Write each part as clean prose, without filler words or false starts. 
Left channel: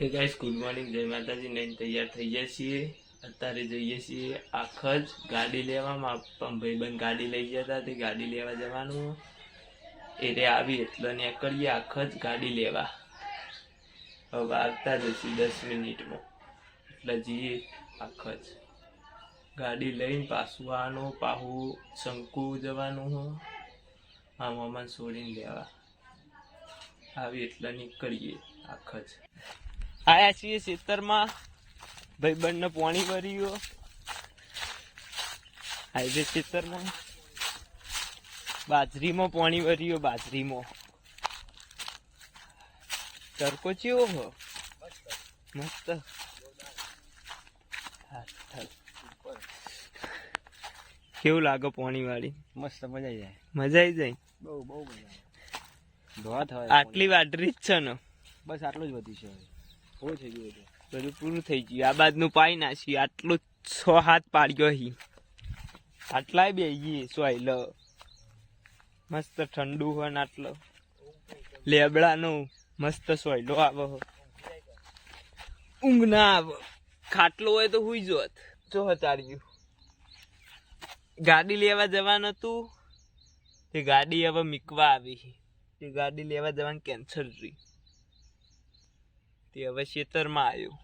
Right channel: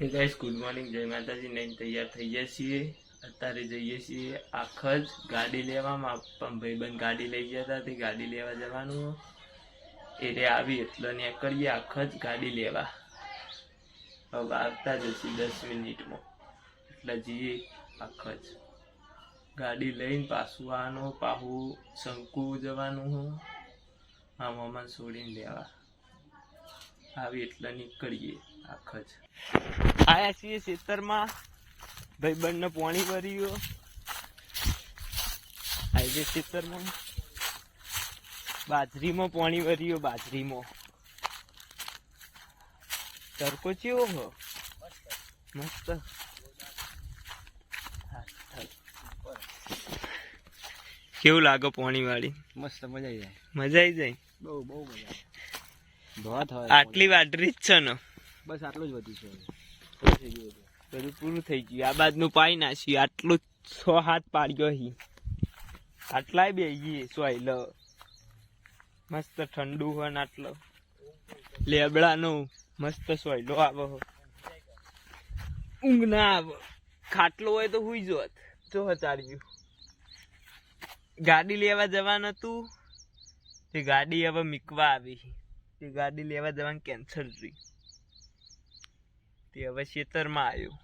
હે guys, good morning, જય માતાજી. નહીં તૈયાર થઈ ગયા છીએ. અત્યારે જઈએ છીએ આખજ ગાડી લેવામાં. ભાઈબંધ ગાડી લઈ ગયા હતા, તે ગાડી લેવા જવાનું. એટલે આવી એટલે ને કરીએ આખજ ગાડી લેવા. હવે આવતા જશું 10 મિનિટમાં. એટલે જઈએ આખજ ગાડી લઈને પાછું આવવાનું. પાછું શંકુ જવાનું હું આ મામાને છોડીને લેવા. આવી એટલે નીકળીએ આખજ. આયા છીએ ખેતરમાં. ભાઈબંધને પાણી ભર્યો હાઈવે ખેતરમાં. બાજરીમાં પાણી ભર્યો. બાજરીમાં તડકો ચેવો હો મસ્ત. કેવું લાગે પાણી વાળી? મસ્ત મજા આવી જાય. મજા આવી જાય. બહુ બહુ મજા આવે. આટલી વાટરી જ છે ને? બસ આટલું જ વધ્યું છે. બધું પૂરું થઈ ગયું. આ બાજનું પાઈ નાખ્યું. આટલું 6-7 પાડ્યો હી. આટલાય બે ગઈ સોયલ મસ્ત ઠંડુ હોય ને આટલો લેબડાનું મસ્ત સોયલો આવે. ઊંઘ ના આવે. ખાટલો હોય તો હુઈ જોત. જો હચાડ્યું. ગાડી લેવા જવાનું હતું તે ગાડી હવે મીકવા આવી. તે ગાડી લેવા જવાનું કેન્સલ રહી. તે હવે ખેતરમાં આવ્યો.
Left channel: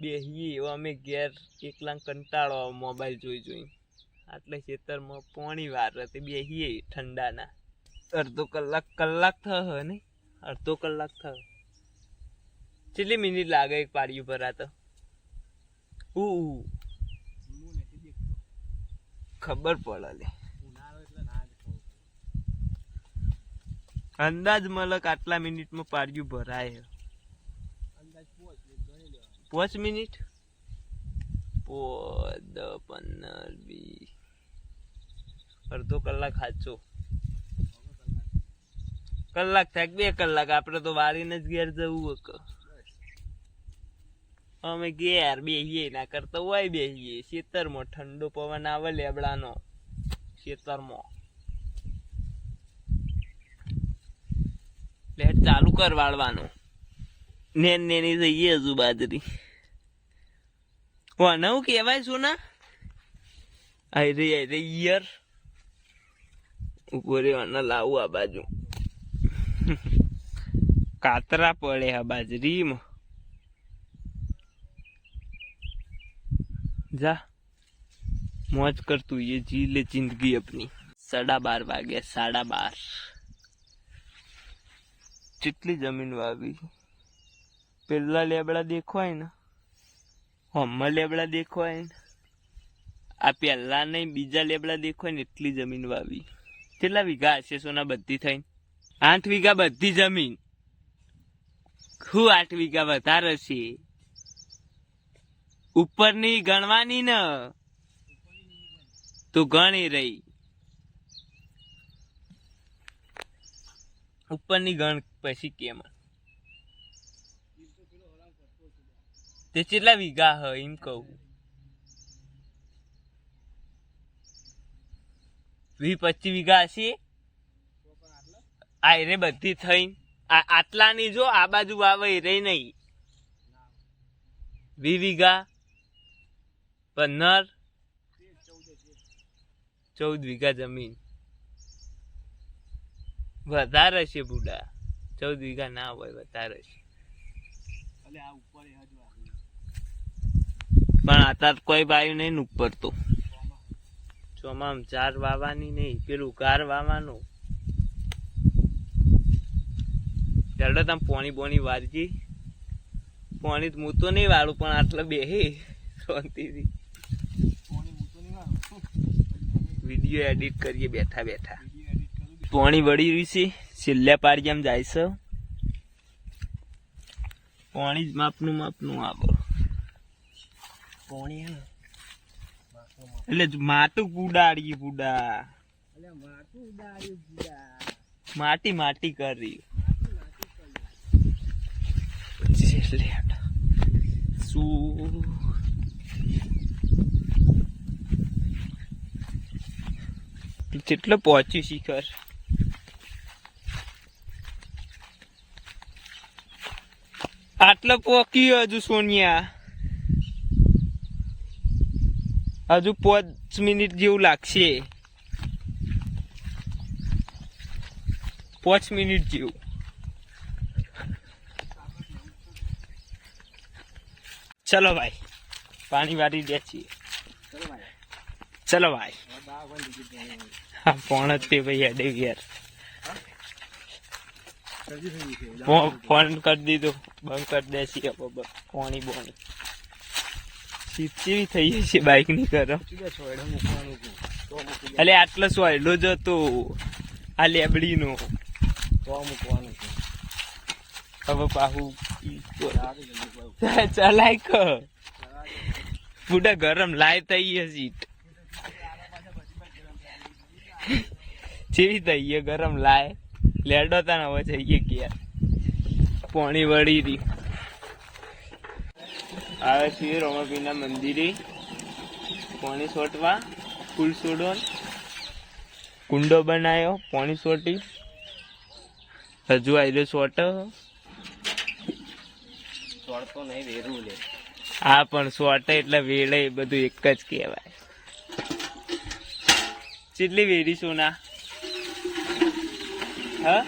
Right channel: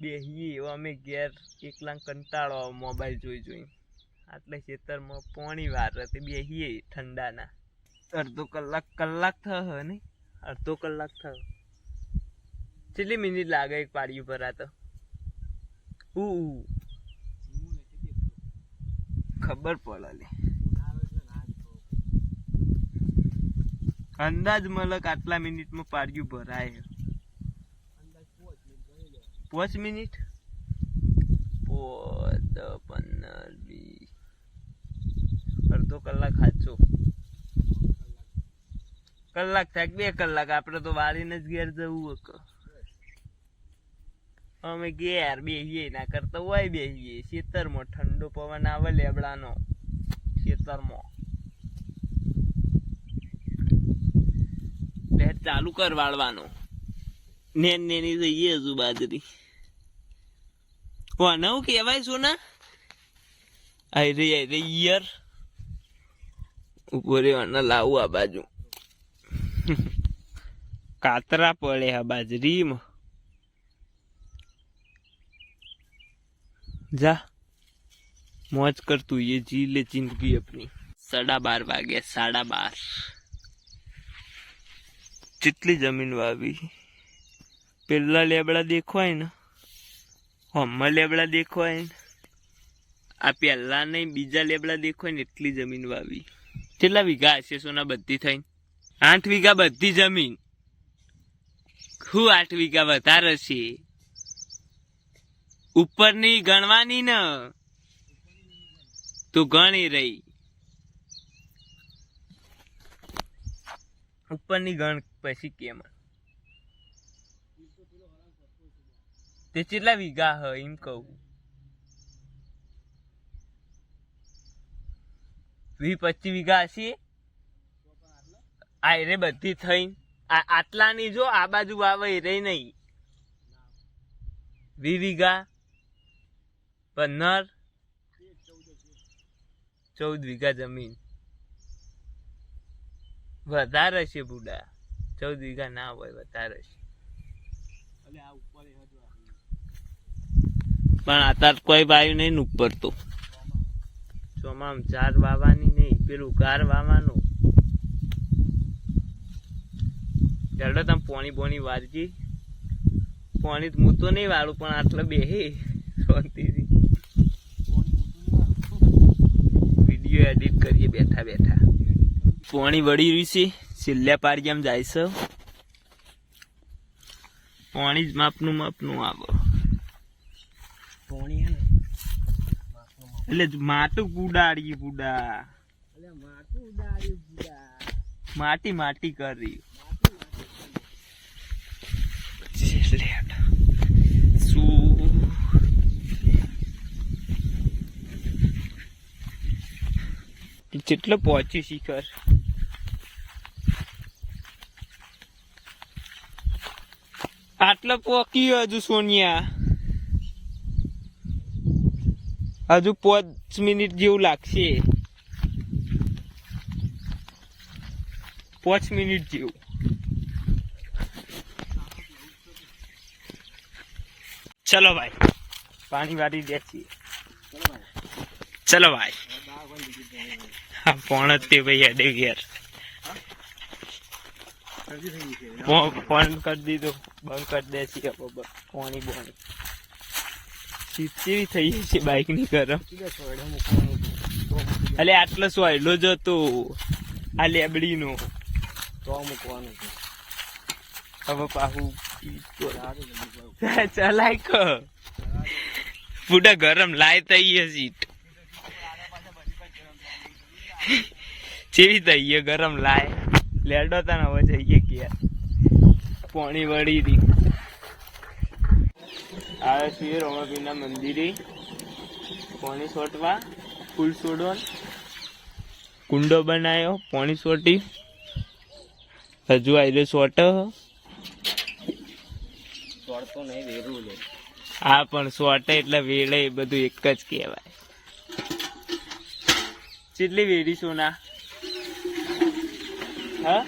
બેહીએ એવો અમે ઘેર એકલા કંટાળો મોબાઈલ જોઈ. આટલે ખેતરમાં પોણી વાર હતી. બેહીએ ઠંડાના. અડધો કલાક થયો ને? અડધો કલાક થયો. કેટલી મિનિટ લાગે એક પાડી ઉપર? આ તો ખબર પડે લે. અંદાજ મલક આટલા મિનિટમાં પાડ્યું ભરાય. 5 મિનિટ 15 20 અડધો કલાક સાચો. કલાક થાય 2 કલાક. આપડે તો વાળીને જ ઘેર જવું. અમે ઘેર બેહીએ ના કરતા હોય બેહીએ ખેતરમાં. ઠંડો પવન આવે લેબડાનો ખેતરમાં. લેટ ચાલુ કર વાળવાનું. નેની જઈએ હજુ બાજરી. નવું કેવાય શું ના? આઈ ઈયર ઉપર લાવું આ બાજુ. કાતરા પડે આ બાજરીમાં. જા મોજ કરતું ये जी ले जिंदगी अपनी. 12:30 વાગ્યા. 12:30. કેટલી જમીન વાવી. પેલા લેબડા દેખવાય ને, હમણાં લેબડા દેખવાય ને, આ પેલા નહીં બીજા લેબડા દેખવાય ને એટલી જમીન વાવી. કેટલા વીઘા હશે સોના બધી થઈને? 8 વીઘા બધી જમીન. શું 8 વીઘા વધારે છે? ઉપરની ગણવાની ને તું ગણી રહી. ઉપરની ગણ પછી કેમ? તે કેટલા વીઘા હ એમ કહું. 20-25 વીઘા હશે. આ રે બધી થઈ આટલાની. જો આ બાજુ આવે રે નહીં. 20 વીઘા 15 14 વીઘા જમીન વધારે છે બુડા. 14 વીઘા ના હોય, વધારે છે. પણ અત્યારે કોઈ વાયુ નહીં ઉપર તો. ચોમામ 4 વાવવાની નહીં, પેલું ગાર વાવવાનું. ચાલો તમે પોણી વારજી. પોણી હું તો નહીં વાળું પણ આટલે બેહે શાંતિથી વિડીયો એડિટ કરીએ બેઠા બેઠા. પોણી વળી રહ્યું છે. છેલ્લા પાડી એમ જાય છે. પોણી જ માપનું આવે. પોણી એટલે માટું ઉડાડી બુડા. માટી કરી શું જેટલો પહોંચ્યું શિખર. આટલો પોકી હજુ સોનિયા, હજુ 5 મિનિટ જેવું લાગશે, 5 મિનિટ જેવું. ચલો ભાઈ પાણી વાળી દે છીએ. ચલો ભાઈ હા ફોન જ તે ભાઈ અડે યાર ફોન કરી દીધો બંધ કરી દે છીએ પાણી બોણી ચીચી થઈ છે બાઈક ની ગરમ. અલે આટલો સોયલો જ હતો આ લેબડી નો હવે પાહુ ચલાય પૂડા ગરમ લાય થઈ સીટ ચેવી થઈ ગરમ લાય લેડો તા હવે જઈએ ગયા પાણી વળી રી આવે છે રોમાપીના મંદિરે પાણી છોટવા ફૂલ છોડો કુંડો બનાવ્યો પાણી છોટી હજુ આયલો છોટ છોડતો નહીં વેરું લે. હા પણ છોટે એટલે વેળે એ બધું એક જ કહેવાય. કેટલી વેરી સોના હા